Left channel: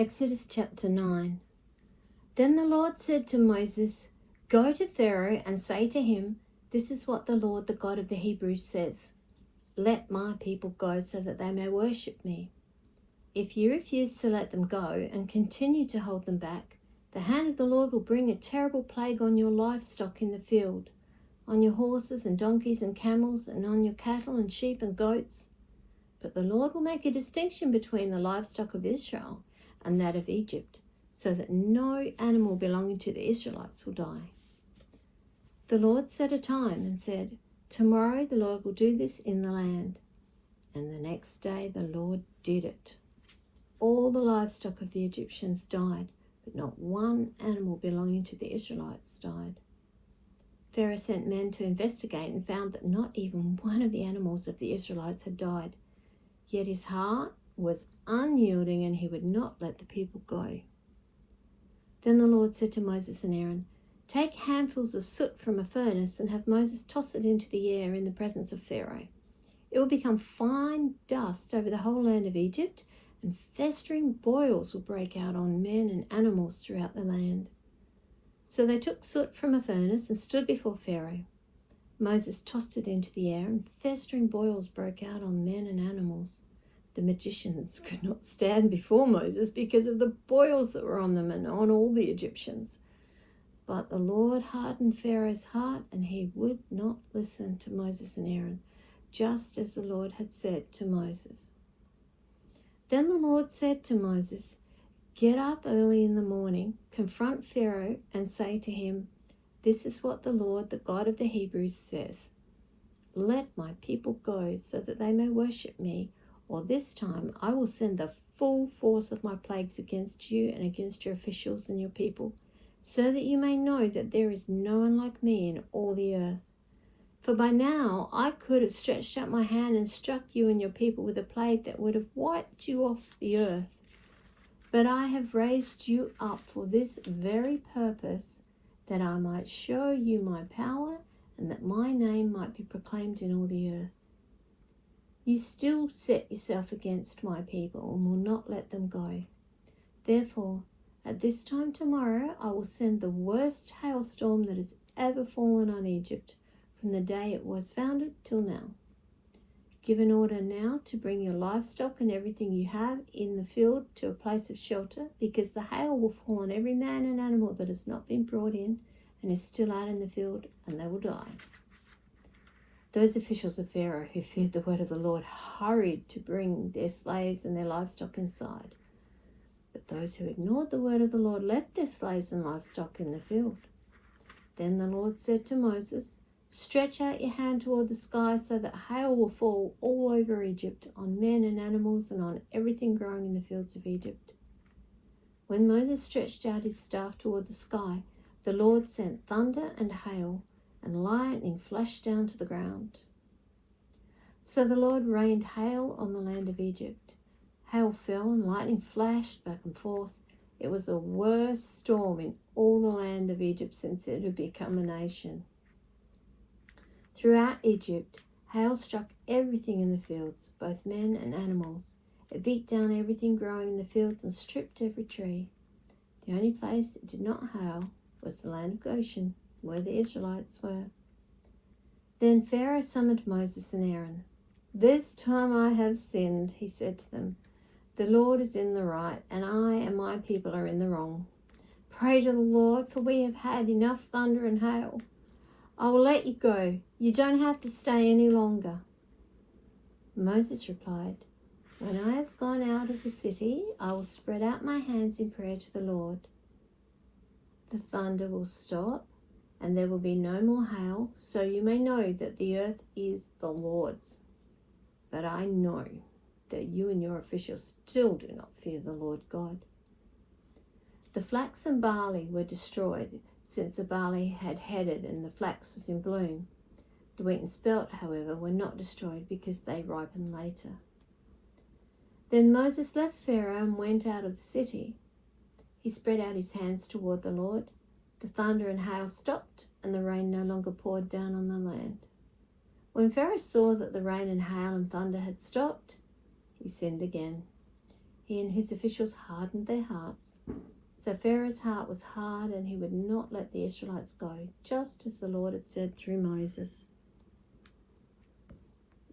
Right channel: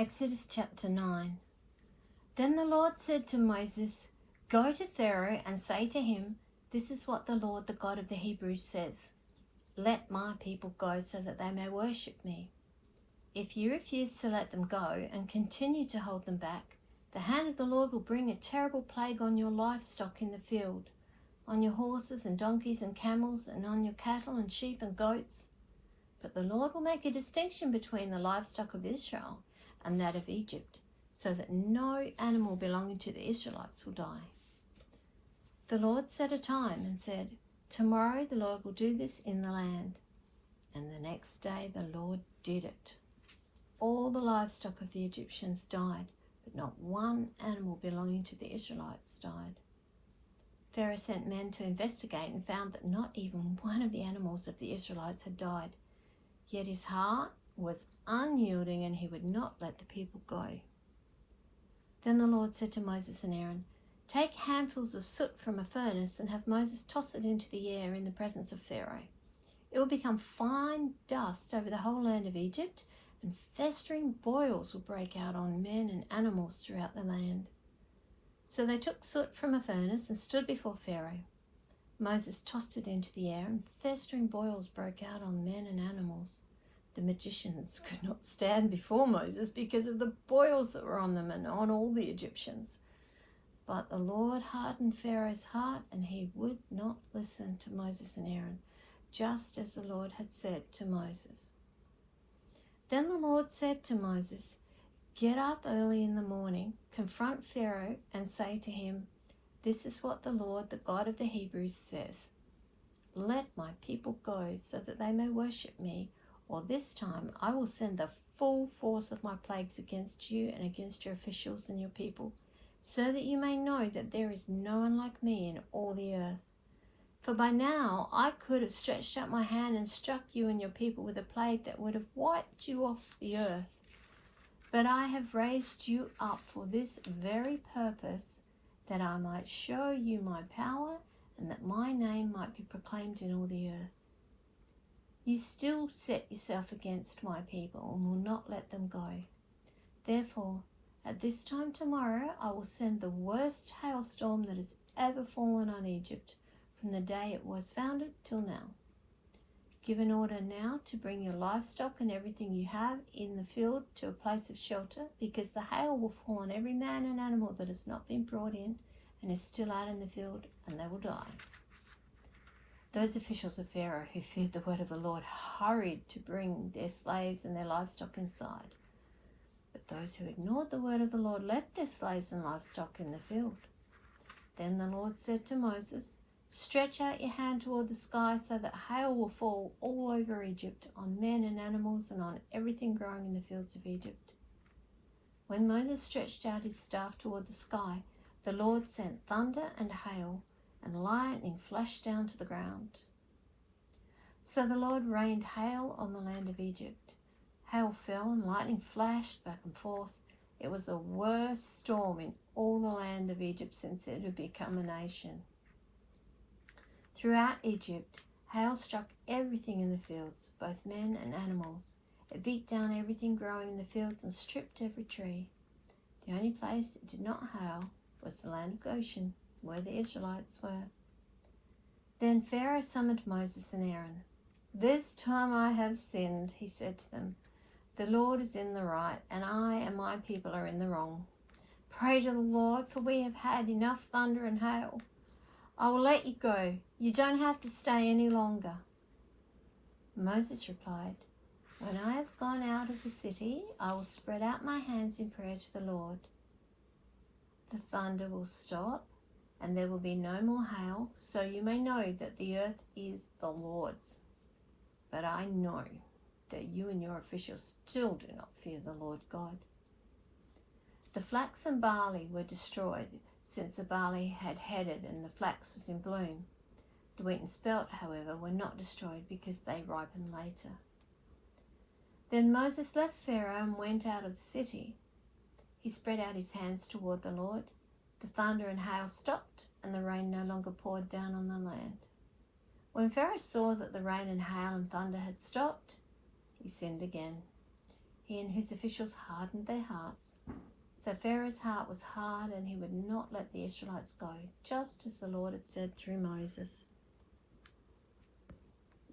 Exodus chapter 9. Then the Lord said to Moses, "Go to Pharaoh and say to him, 'This is what the Lord, the God of the Hebrews, says. Let my people go so that they may worship me. If you refuse to let them go and continue to hold them back, the hand of the Lord will bring a terrible plague on your livestock in the field, on your horses and donkeys and camels, and on your cattle and sheep and goats. But the Lord will make a distinction between the livestock of Israel and that of Egypt, so that no animal belonging to the Israelites will die.' The Lord set a time and said, 'Tomorrow the Lord will do this in the land.' And the next day the Lord did it. All the livestock of the Egyptians died, but not one animal belonging to the Israelites died. Pharaoh sent men to investigate and found that not even one of the animals of the Israelites had died. Yet his heart was unyielding and he would not let the people go. Then the Lord said to Moses and Aaron, 'Take handfuls of soot from a furnace and have Moses toss it into the air in the presence of Pharaoh. It will become fine dust over the whole land of Egypt, and festering boils will break out on men and animals throughout the land.' So they took soot from a furnace and stood before Pharaoh. Moses tossed it into the air, and festering boils broke out on men and animals. The magicians could not stand before Moses because of the boils that were on them and on all the Egyptians. But the Lord hardened Pharaoh's heart, and he would not listen to Moses and Aaron, just as the Lord had said to Moses. Then the Lord said to Moses, 'Get up early in the morning, confront Pharaoh, and say to him, "This is what the Lord, the God of the Hebrews, says. Let my people go so that they may worship me, or this time I will send the full force of my plagues against you and against your officials and your people, so that you may know that there is no one like me in all the earth. For by now I could have stretched out my hand and struck you and your people with a plague that would have wiped you off the earth. But I have raised you up for this very purpose, that I might show you my power and that my name might be proclaimed in all the earth. You still set yourself against my people and will not let them go. Therefore, at this time tomorrow, I will send the worst hailstorm that has ever fallen on Egypt from the day it was founded till now. Give an order now to bring your livestock and everything you have in the field to a place of shelter, because the hail will fall on every man and animal that has not been brought in and is still out in the field, and they will die.' Those officials of Pharaoh who feared the word of the Lord hurried to bring their slaves and their livestock inside. But those who ignored the word of the Lord left their slaves and livestock in the field. Then the Lord said to Moses, 'Stretch out your hand toward the sky so that hail will fall all over Egypt, on men and animals and on everything growing in the fields of Egypt.' When Moses stretched out his staff toward the sky, the Lord sent thunder and hail, and lightning flashed down to the ground. So the Lord rained hail on the land of Egypt. Hail fell and lightning flashed back and forth. It was the worst storm in all the land of Egypt since it had become a nation. Throughout Egypt, hail struck everything in the fields, both men and animals. It beat down everything growing in the fields and stripped every tree. The only place it did not hail was the land of Goshen, where the Israelites were. Then Pharaoh summoned Moses and Aaron. 'This time I have sinned,' he said to them. 'The Lord is in the right, and I and my people are in the wrong. Pray to the Lord, for we have had enough thunder and hail. I will let you go. You don't have to stay any longer.' Moses replied, 'When I have gone out of the city, I will spread out my hands in prayer to the Lord. The thunder will stop, and there will be no more hail, so you may know that the earth is the Lord's. But I know that you and your officials still do not fear the Lord God.' The flax and barley were destroyed, since the barley had headed and the flax was in bloom. The wheat and spelt, however, were not destroyed because they ripened later. Then Moses left Pharaoh and went out of the city. He spread out his hands toward the Lord. The thunder and hail stopped, and the rain no longer poured down on the land. When Pharaoh saw that the rain and hail and thunder had stopped, he sinned again. He and his officials hardened their hearts. So Pharaoh's heart was hard, and he would not let the Israelites go, just as the Lord had said through Moses.